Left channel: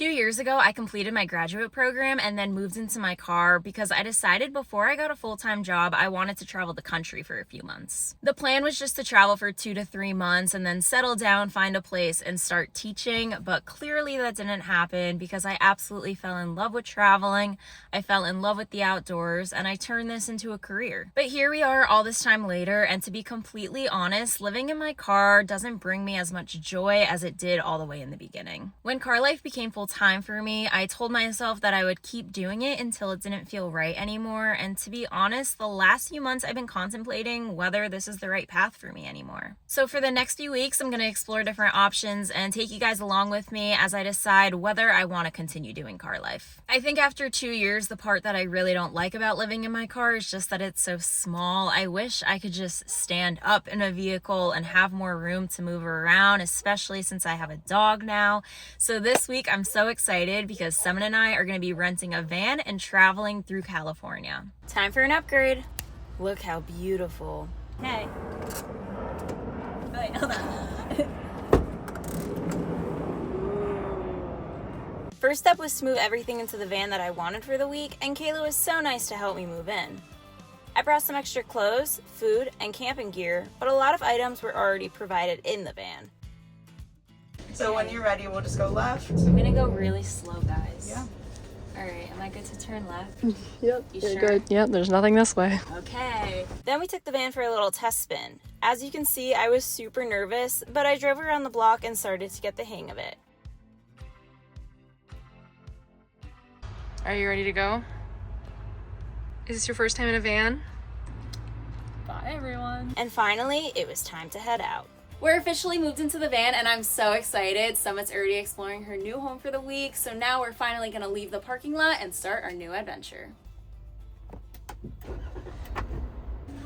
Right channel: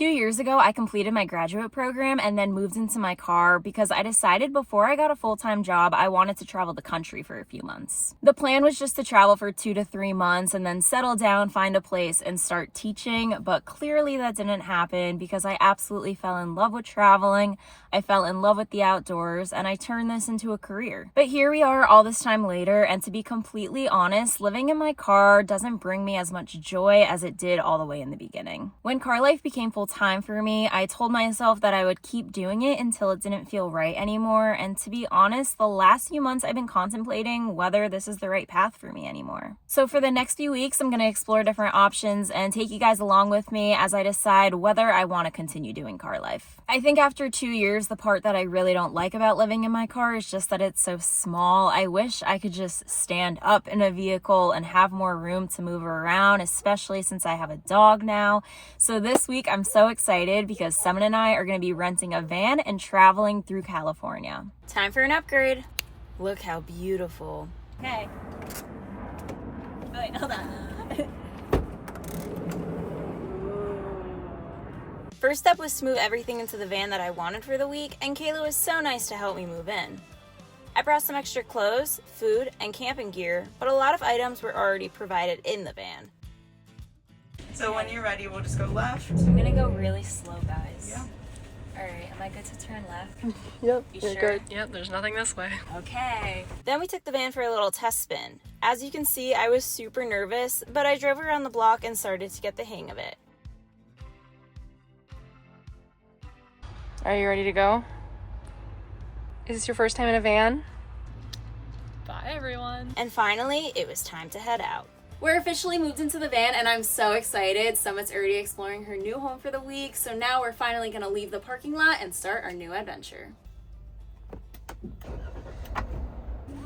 2 years ago, I completed my graduate program and then moved into my car because I decided before I got a full-time job, I wanted to travel the country for a few months. The plan was just to travel for 2 to 3 months and then settle down, find a place, and start teaching, but clearly that didn't happen because I absolutely fell in love with traveling, I fell in love with the outdoors, and I turned this into a career. But here we are all this time later, and to be completely honest, living in my car doesn't bring me as much joy as it did all the way in the beginning. When car life became full-time for me, I told myself that I would keep doing it until it didn't feel right anymore, and to be honest, the last few months I've been contemplating whether this is the right path for me anymore. So for the next few weeks, I'm going to explore different options and take you guys along with me as I decide whether I want to continue doing car life. I think after 2 years, the part that I really don't like about living in my car is just that it's so small. I wish I could just stand up in a vehicle and have more room to move around, especially since I have a dog now. So this week I'm so excited because Summit and I are going to be renting a van and traveling through California. Time for an upgrade. Look how beautiful. Hey. Wait, hold on. First step was to move everything into the van that I wanted for the week, and Kayla was so nice to help me move in. I brought some extra clothes, food, and camping gear, but a lot of items were already provided in the van. So when you're ready, we'll just go left. I'm gonna go really slow, guys. Yeah. Alright, am I good to turn left? Yep, You you're sure? good. Yep, there's nothing this way. Okay. Then we took the van for a little test spin. As you can see, I was super nervous, but I drove around the block and started to get the hang of it. Are you ready to go? Is this your first time in a van? Bye, everyone. And finally, it was time to head out. We're officially moved into the van and I'm so excited. Summit's already exploring her new home for the week, so now we're finally gonna leave the parking lot and start our new adventure.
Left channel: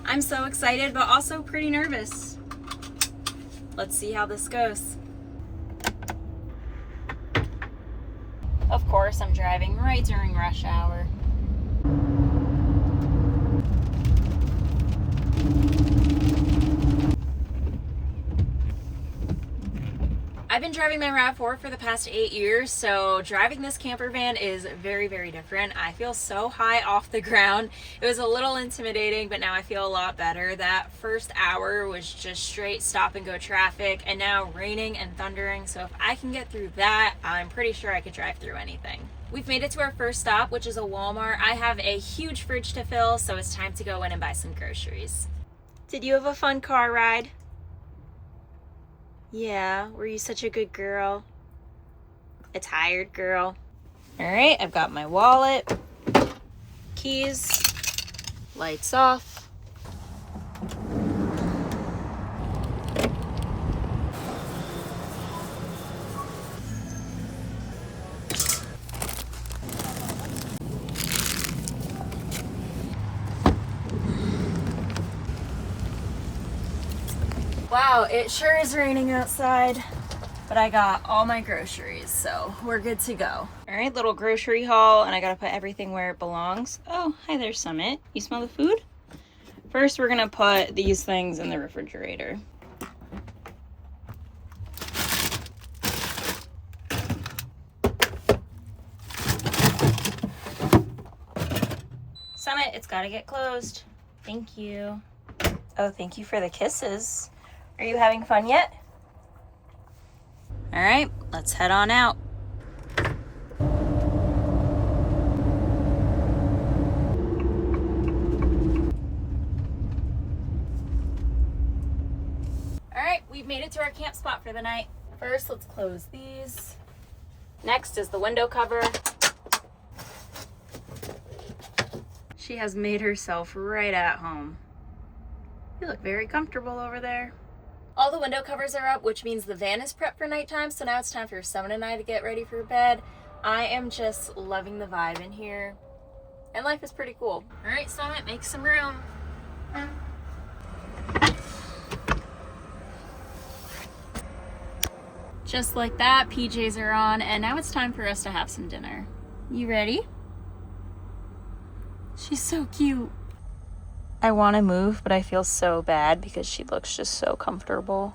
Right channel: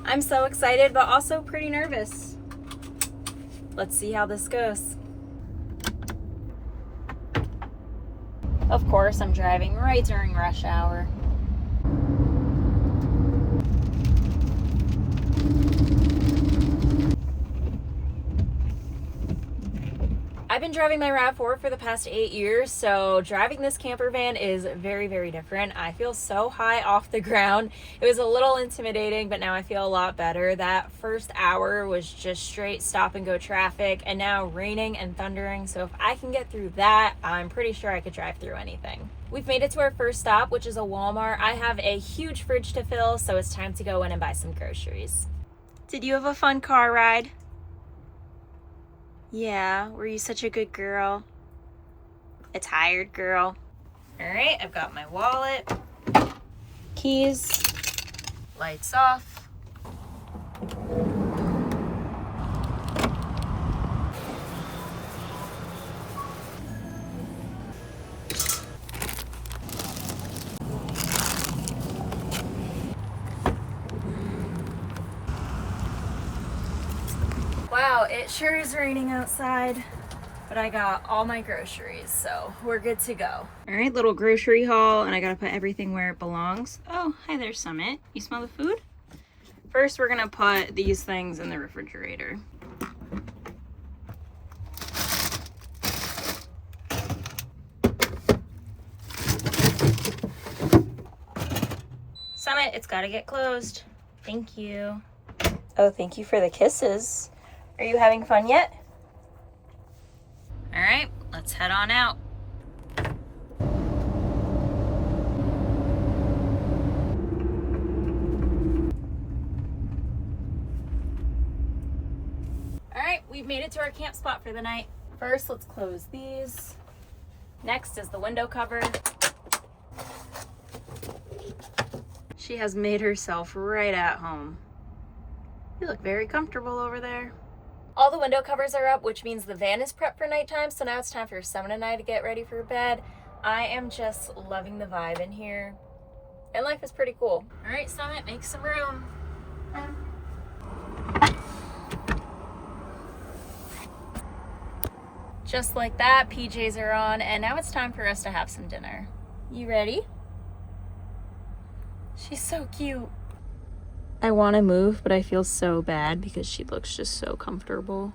I'm so excited, but also pretty nervous. Let's see how this goes. Of course, I'm driving right during rush hour. I've been driving my RAV4 for the past 8 years, so driving this camper van is very, very different. I feel so high off the ground. It was a little intimidating, but now I feel a lot better. That first hour was just straight stop and go traffic, and now raining and thundering, so if I can get through that, I'm pretty sure I could drive through anything. We've made it to our first stop, which is a Walmart. I have a huge fridge to fill, so it's time to go in and buy some groceries. Did you have a fun car ride? Yeah, were you such a good girl? A tired girl? All right, I've got my wallet, keys, lights off. Wow, it sure is raining outside, but I got all my groceries, so we're good to go. All right, little grocery haul, and I gotta put everything where it belongs. Oh, hi there, Summit. You smell the food? First, we're gonna put these things in the refrigerator. Summit, it's gotta get closed. Thank you. Oh, thank you for the kisses. Are you having fun yet? All right, let's head on out. All right, we've made it to our camp spot for the night. First, let's close these. Next is the window cover. She has made herself right at home. You look very comfortable over there. All the window covers are up, which means the van is prepped for nighttime, so now it's time for Summit and I to get ready for bed. I am just loving the vibe in here, and life is pretty cool. All right, Summit, make some room. Just like that, PJs are on, and now it's time for us to have some dinner. You ready? She's so cute. I want to move, but I feel so bad because she looks just so comfortable.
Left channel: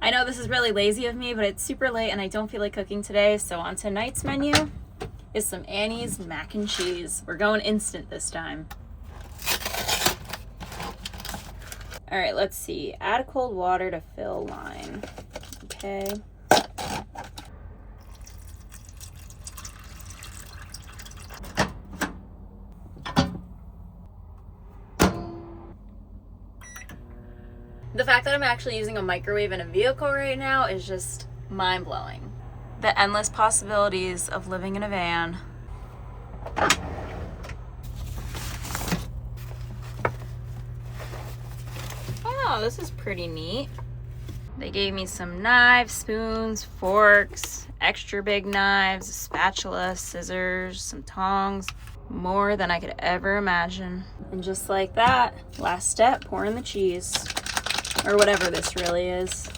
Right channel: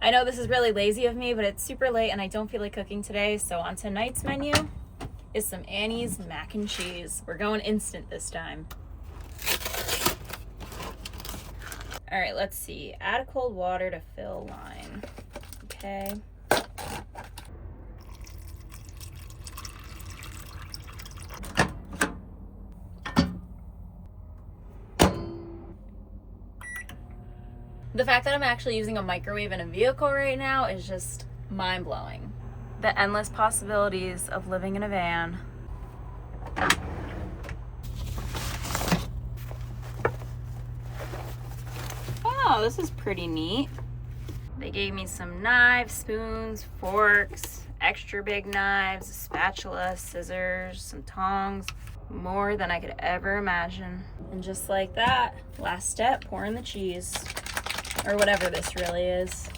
I know this is really lazy of me, but it's super late and I don't feel like cooking today. So on tonight's menu is some Annie's mac and cheese. We're going instant this time. All right, let's see. Add cold water to fill line. Okay. The fact that I'm actually using a microwave in a vehicle right now is just mind-blowing. The endless possibilities of living in a van. Oh, this is pretty neat. They gave me some knives, spoons, forks, extra big knives, a spatula, scissors, some tongs, more than I could ever imagine. And just like that, last step, pour in the cheese. Or whatever this really is.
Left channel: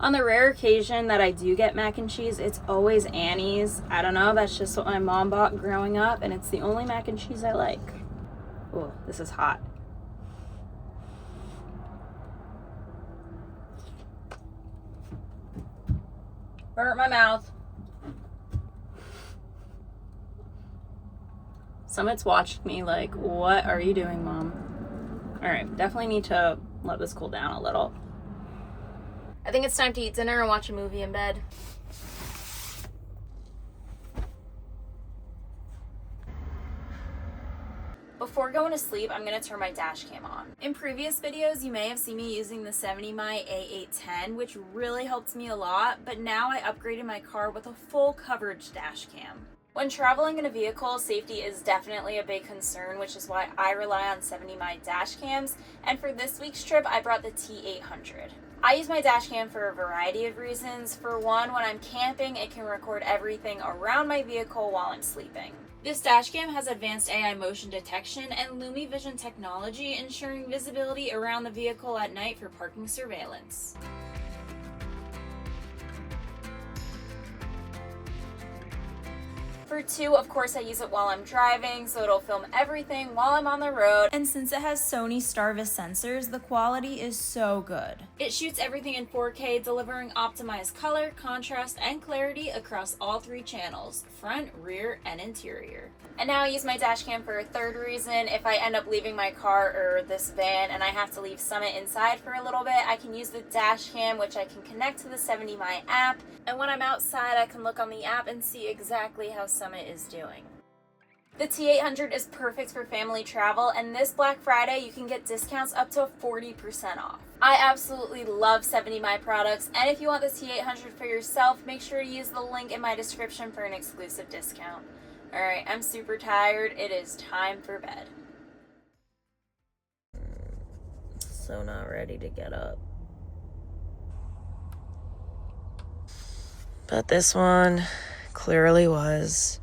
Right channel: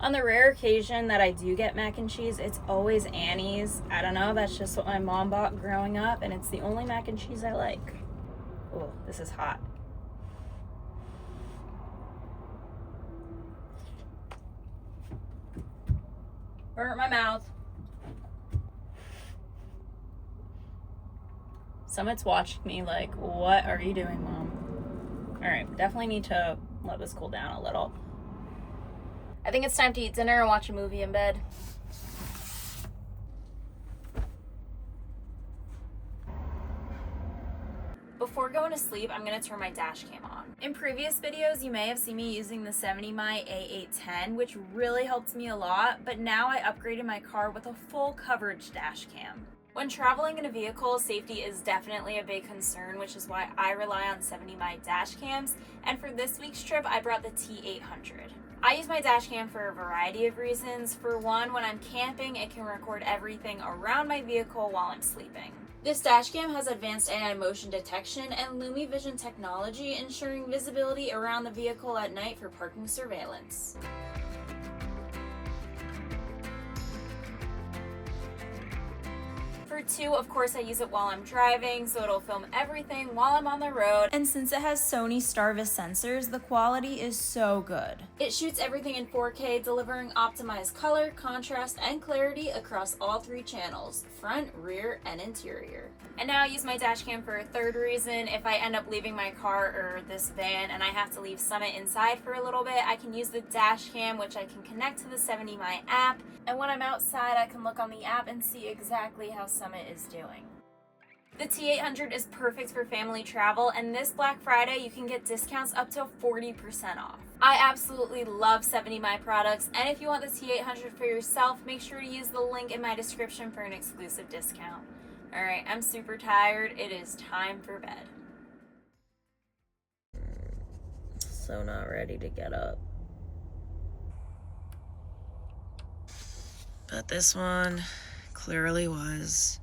On the rare occasion that I do get mac and cheese, it's always Annie's. I don't know, that's just what my mom bought growing up, and it's the only mac and cheese I like. Oh, this is hot. Burnt my mouth. Summit's watching me like, what are you doing, Mom? All right, definitely need to let this cool down a little. I think it's time to eat dinner and watch a movie in bed. Before going to sleep, I'm gonna turn my dash cam on. In previous videos, you may have seen me using the 70mai A810, which really helped me a lot, but now I upgraded my car with a full coverage dash cam. When traveling in a vehicle, safety is definitely a big concern, which is why I rely on 70mai dash cams, and for this week's trip, I brought the T800. I use my dash cam for a variety of reasons. For one, when I'm camping, it can record everything around my vehicle while I'm sleeping. This dash cam has advanced AI motion detection and LumiVision technology, ensuring visibility around the vehicle at night for parking surveillance. For two, of course, I use it while I'm driving, so it'll film everything while I'm on the road. And since it has Sony Starvis sensors, the quality is so good. It shoots everything in 4K, delivering optimized color, contrast, and clarity across all three channels, front, rear, and interior. And now I use my dash cam for a third reason. If I end up leaving my car or this van and I have to leave Summit inside for a little bit, I can use the dash cam, which I can connect to the 70mai app. And when I'm outside, I can look on the app and see exactly how Summit is doing. The T800 is perfect for family travel, and this Black Friday, you can get discounts up to 40% off. I absolutely love 70mai products, and if you want the T800 for yourself, make sure to use the link in my description for an exclusive discount. Alright, I'm super tired. It is time for bed. So not ready to get up. But this one clearly was.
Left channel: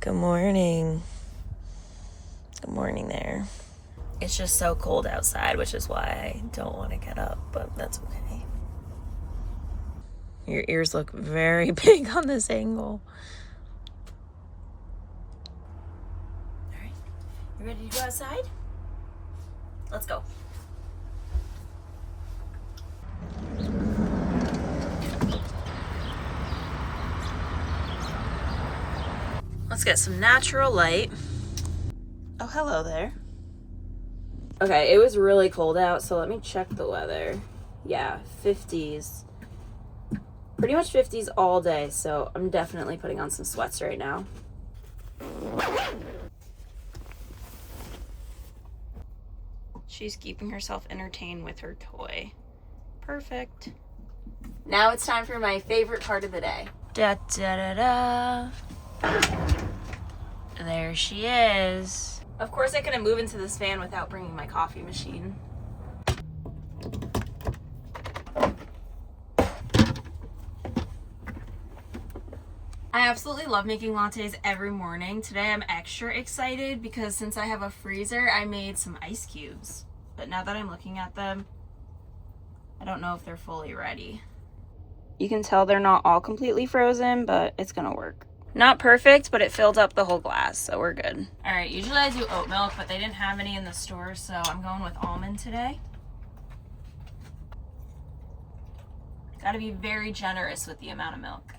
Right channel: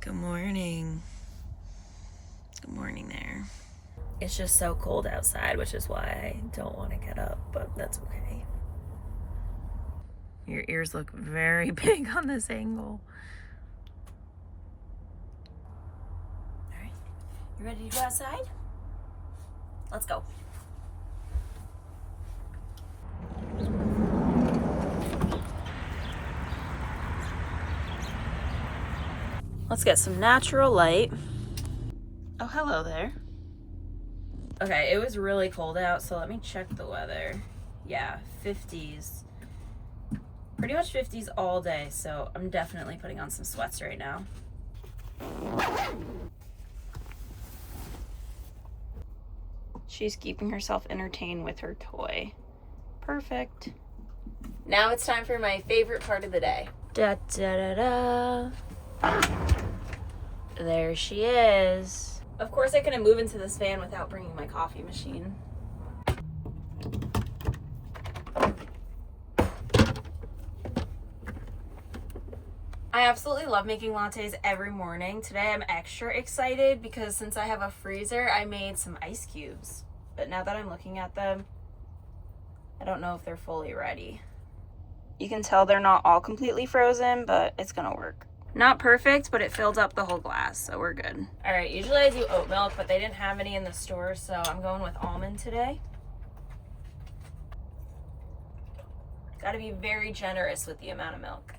Good morning. Good morning there. It's just so cold outside, which is why I don't want to get up, but that's okay. Your ears look very big on this angle. All right, you ready to go outside? Let's go. Let's get some natural light. Oh, hello there. Okay, it was really cold out, so let me check the weather. Yeah, 50s. Pretty much 50s all day, so I'm definitely putting on some sweats right now. She's keeping herself entertained with her toy. Perfect. Now it's time for my favorite part of the day. Da da da da. There she is. Of course I couldn't move into this van without bringing my coffee machine. I absolutely love making lattes every morning. Today I'm extra excited because since I have a freezer, I made some ice cubes. But now that I'm looking at them, I don't know if they're fully ready. You can tell they're not all completely frozen, but it's gonna work. Not perfect, but it filled up the whole glass, so we're good. All right, usually I do oat milk, but they didn't have any in the store, so I'm going with almond today. Got to be very generous with the amount of milk.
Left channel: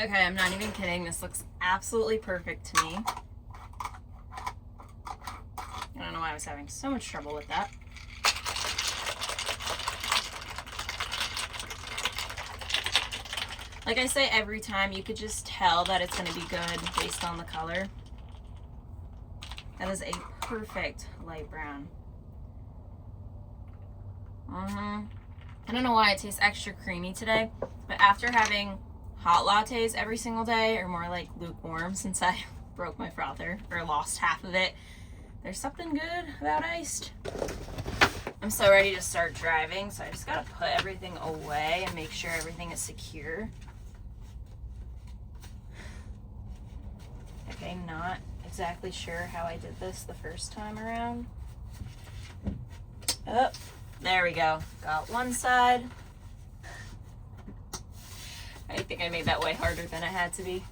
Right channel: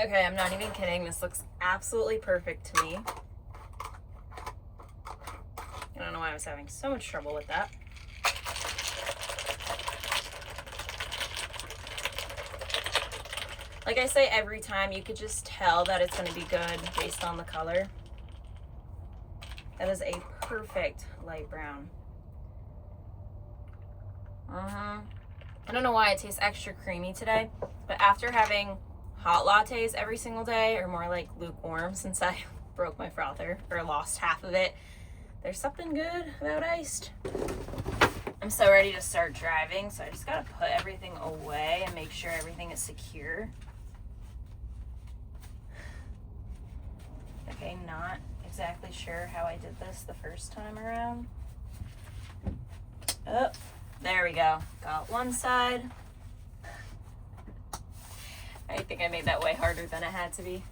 Okay, I'm not even kidding. This looks absolutely perfect to me. I don't know why I was having so much trouble with that. Like I say every time, you could just tell that it's going to be good based on the color. That is a perfect light brown. I don't know why it tastes extra creamy today, but after having hot lattes every single day, or more like lukewarm since I broke my frother or lost half of it, there's something good about iced. I'm so ready to start driving, so I just gotta put everything away and make sure everything is secure. Okay, not exactly sure how I did this the first time around. Oh, there we go. Got one side. I think I made that way harder than it had to be.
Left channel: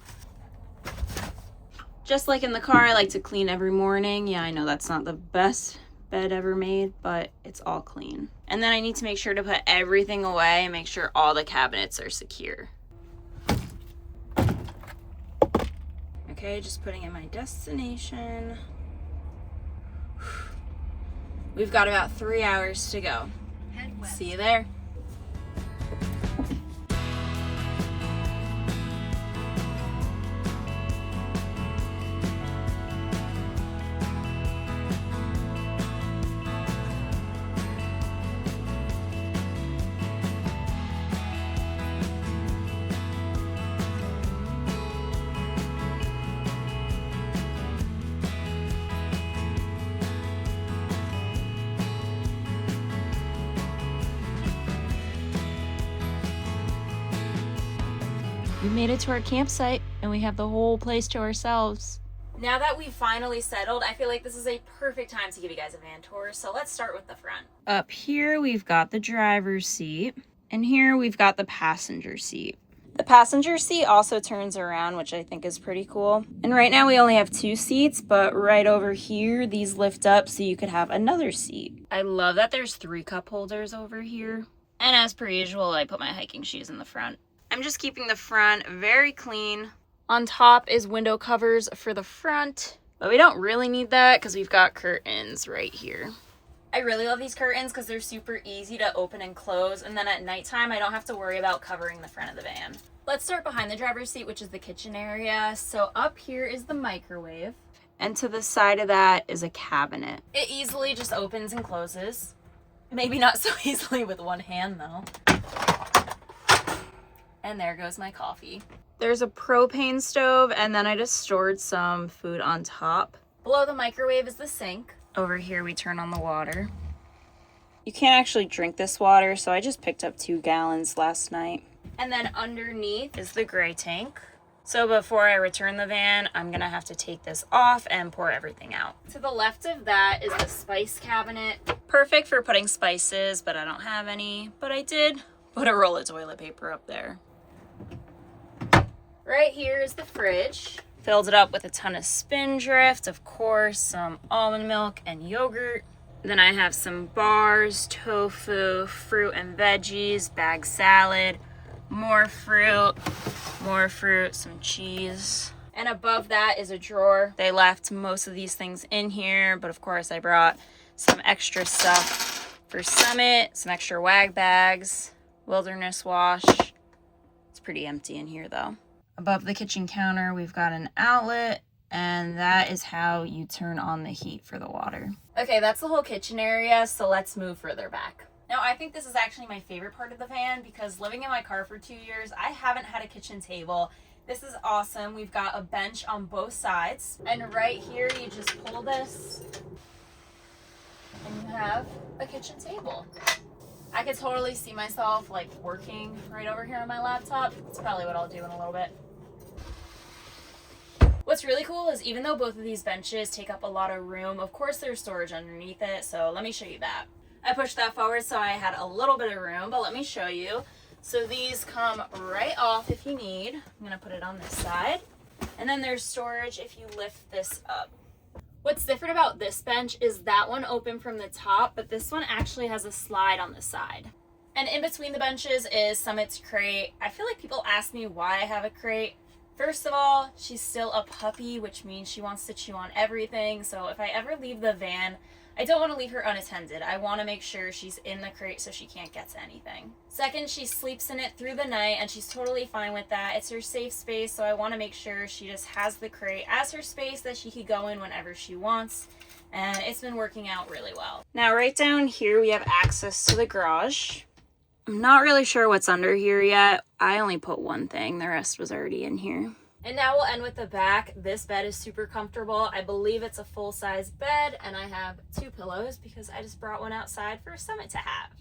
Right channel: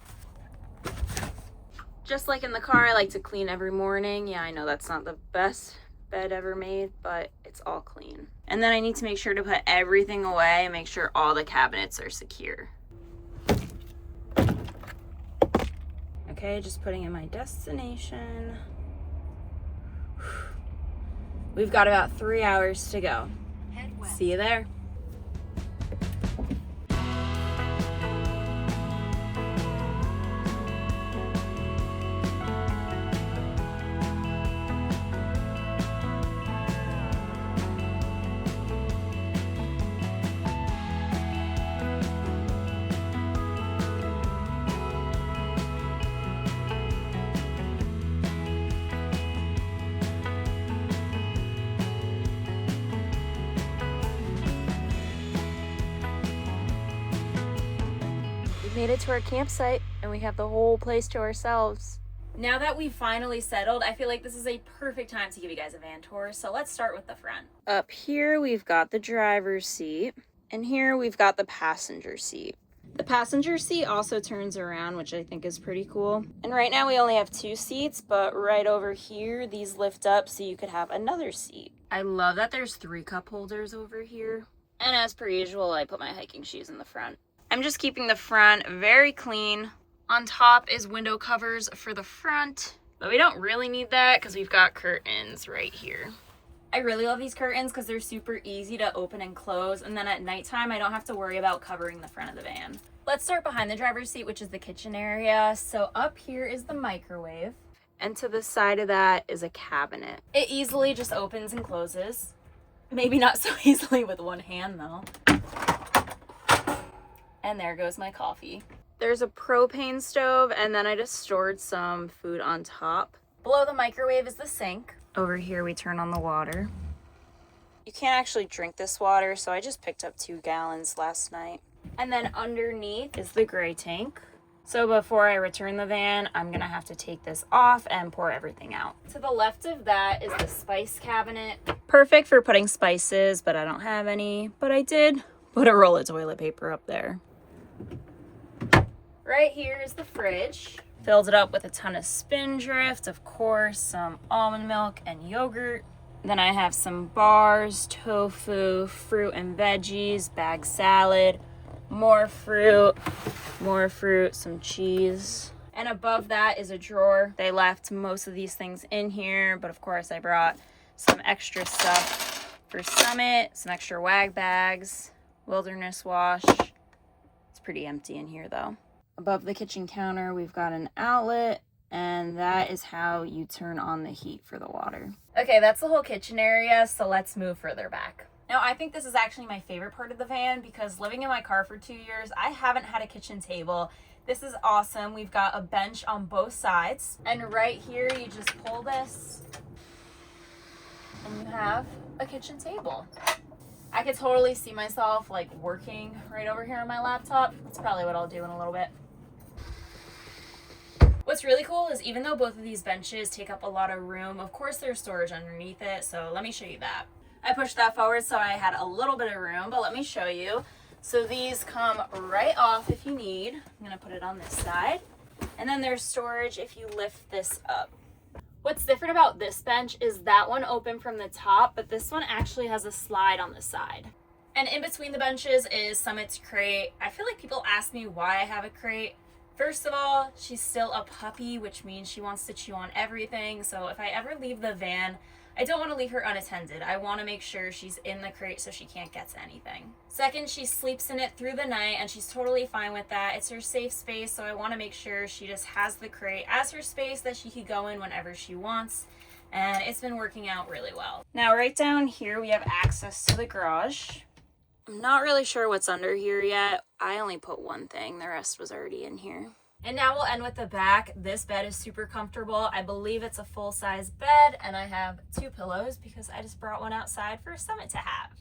Just like in the car, I like to clean every morning. Yeah, I know that's not the best bed ever made, but it's all clean. And then I need to make sure to put everything away and make sure all the cabinets are secure. Okay, just putting in my destination. We've got about 3 hours to go. See you there. To our campsite, and we have the whole place to ourselves. Now that we've finally settled, I feel like this is a perfect time to give you guys a van tour. So let's start with the front. Up here we've got the driver's seat, and here we've got the passenger seat. The passenger seat also turns around, which I think is pretty cool. And right now we only have 2 seats, but right over here these lift up so you could have another seat. I love that there's 3 cup holders over here. And as per usual, I put my hiking shoes in the front. I'm just keeping the front very clean. On top is window covers for the front, but we don't really need that because we've got curtains right here. I really love these curtains because they're super easy to open and close, and then at nighttime I don't have to worry about covering the front of the van. Let's start behind the driver's seat, which is the kitchen area. So up here is the microwave, and to the side of that is a cabinet. It easily just opens and closes. Maybe not so easily with one hand though. And there goes my coffee. There's a propane stove, and then I just stored some food on top. Below the microwave is the sink. Over here we turn on the water. You can't actually drink this water, so I just picked up 2 gallons last night. And then underneath is the gray tank. So before I return the van, I'm gonna have to take this off and pour everything out. To the left of that is the spice cabinet. Perfect for putting spices, but I don't have any. But I did put a roll of toilet paper up there. Right here is the fridge. Filled it up with a ton of Spindrift, of course, some almond milk and yogurt. Then I have some bars, tofu, fruit and veggies, bag salad, more fruit, some cheese. And above that is a drawer. They left most of these things in here, but of course I brought some extra stuff for Summit, some extra wag bags, Wilderness Wash. It's pretty empty in here though. Above the kitchen counter, we've got an outlet, and that is how you turn on the heat for the water. Okay, that's the whole kitchen area, so let's move further back. Now, I think this is actually my favorite part of the van because living in my car for 2 years, I haven't had a kitchen table. This is awesome. We've got a bench on both sides, and right here, you just pull this, and you have a kitchen table. I could totally see myself like working right over here on my laptop. That's probably what I'll do in a little bit. What's really cool is even though both of these benches take up a lot of room, of course there's storage underneath it, so let me show you that. I pushed that forward so I had a little bit of room, but let me show you. So these come right off if you need. I'm gonna put it on this side. And then there's storage if you lift this up. What's different about this bench is that one open from the top, but this one actually has a slide on the side. And in between the benches is Summit's crate. I feel like people ask me why I have a crate. First of all, she's still a puppy, which means she wants to chew on everything. So if I ever leave the van, I don't want to leave her unattended. I want to make sure she's in the crate so she can't get to anything. Second, she sleeps in it through the night and she's totally fine with that. It's her safe space, so I want to make sure she just has the crate as her space that she could go in whenever she wants. And it's been working out really well. Now right down here we have access to the garage. I'm not really sure what's under here yet. I only put one thing, the rest was already in here. And now we'll end with the back. This bed is super comfortable. I believe it's a full-size bed, and I have 2 pillows because I just brought one outside for Summit to have.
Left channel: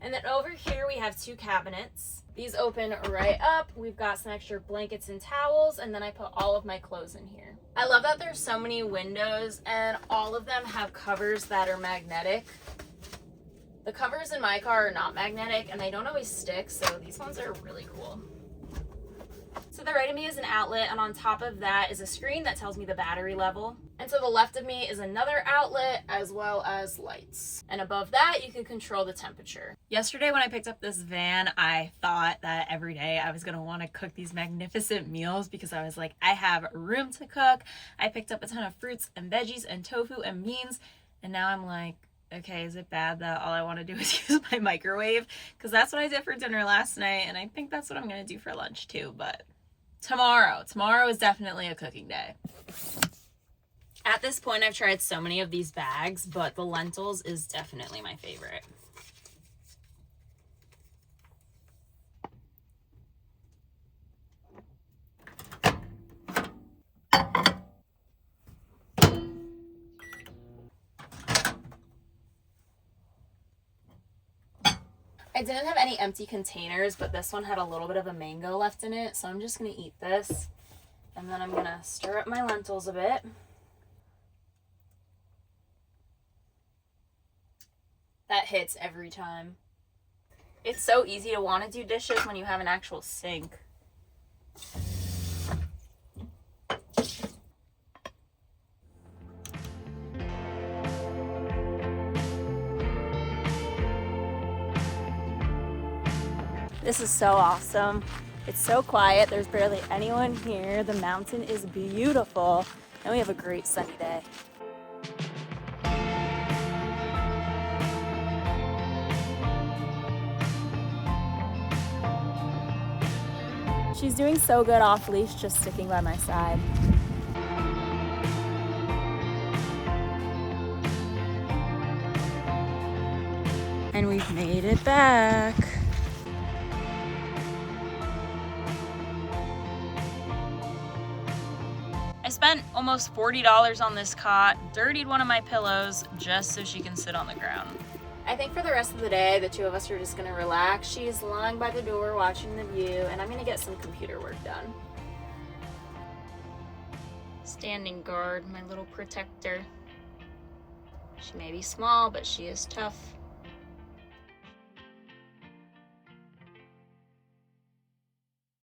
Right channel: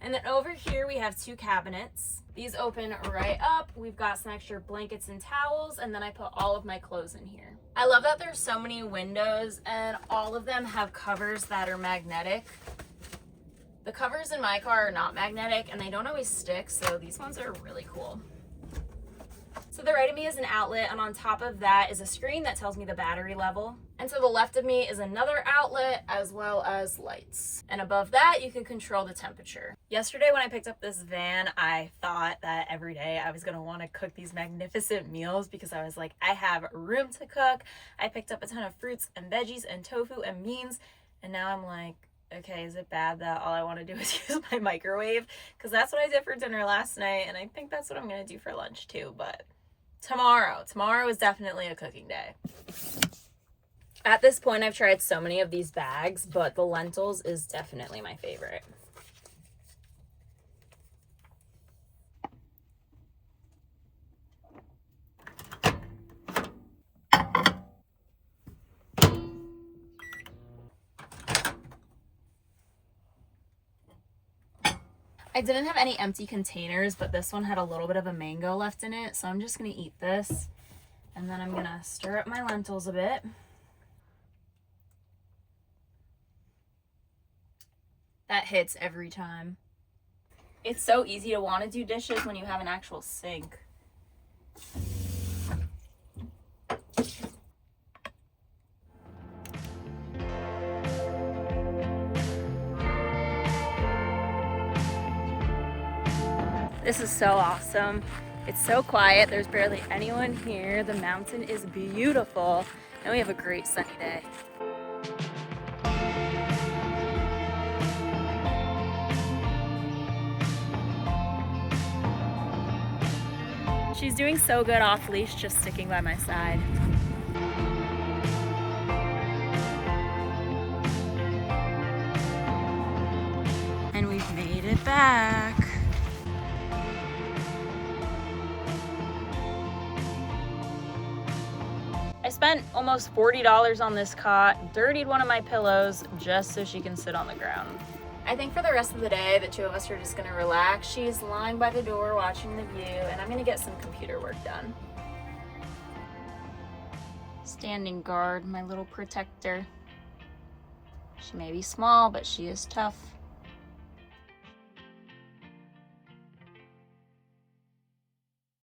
And then over here we have 2 cabinets. These open right up. We've got some extra blankets and towels, and then I put all of my clothes in here. I love that there's so many windows, and all of them have covers that are magnetic. The covers in my car are not magnetic, and they don't always stick, so these ones are really cool. To the right of me is an outlet, and on top of that is a screen that tells me the battery level. And to the left of me is another outlet as well as lights. And above that, you can control the temperature. Yesterday when I picked up this van, I thought that every day I was gonna wanna cook these magnificent meals because I was like, I have room to cook. I picked up a ton of fruits and veggies and tofu and beans, and now I'm like, okay, is it bad that all I want to do is use my microwave? Because that's what I did for dinner last night, and I think that's what I'm going to do for lunch too, but tomorrow is definitely a cooking day. At this point, I've tried so many of these bags, but the lentils is definitely my favorite. I didn't have any empty containers, but this one had a little bit of a mango left in it, so I'm just gonna eat this. And then I'm gonna stir up my lentils a bit. That hits every time. It's so easy to want to do dishes when you have an actual sink. This is so awesome. It's so quiet. There's barely anyone here. The mountain is beautiful, and we have a great sunny day. She's doing so good off leash, just sticking by my side. And we've made it back. I spent almost $40 on this cot, dirtied one of my pillows just so she can sit on the ground. I think for the rest of the day, the 2 of us are just gonna relax. She's lying by the door watching the view, and I'm gonna get some computer work done. Standing guard, my little protector. She may be small, but she is tough.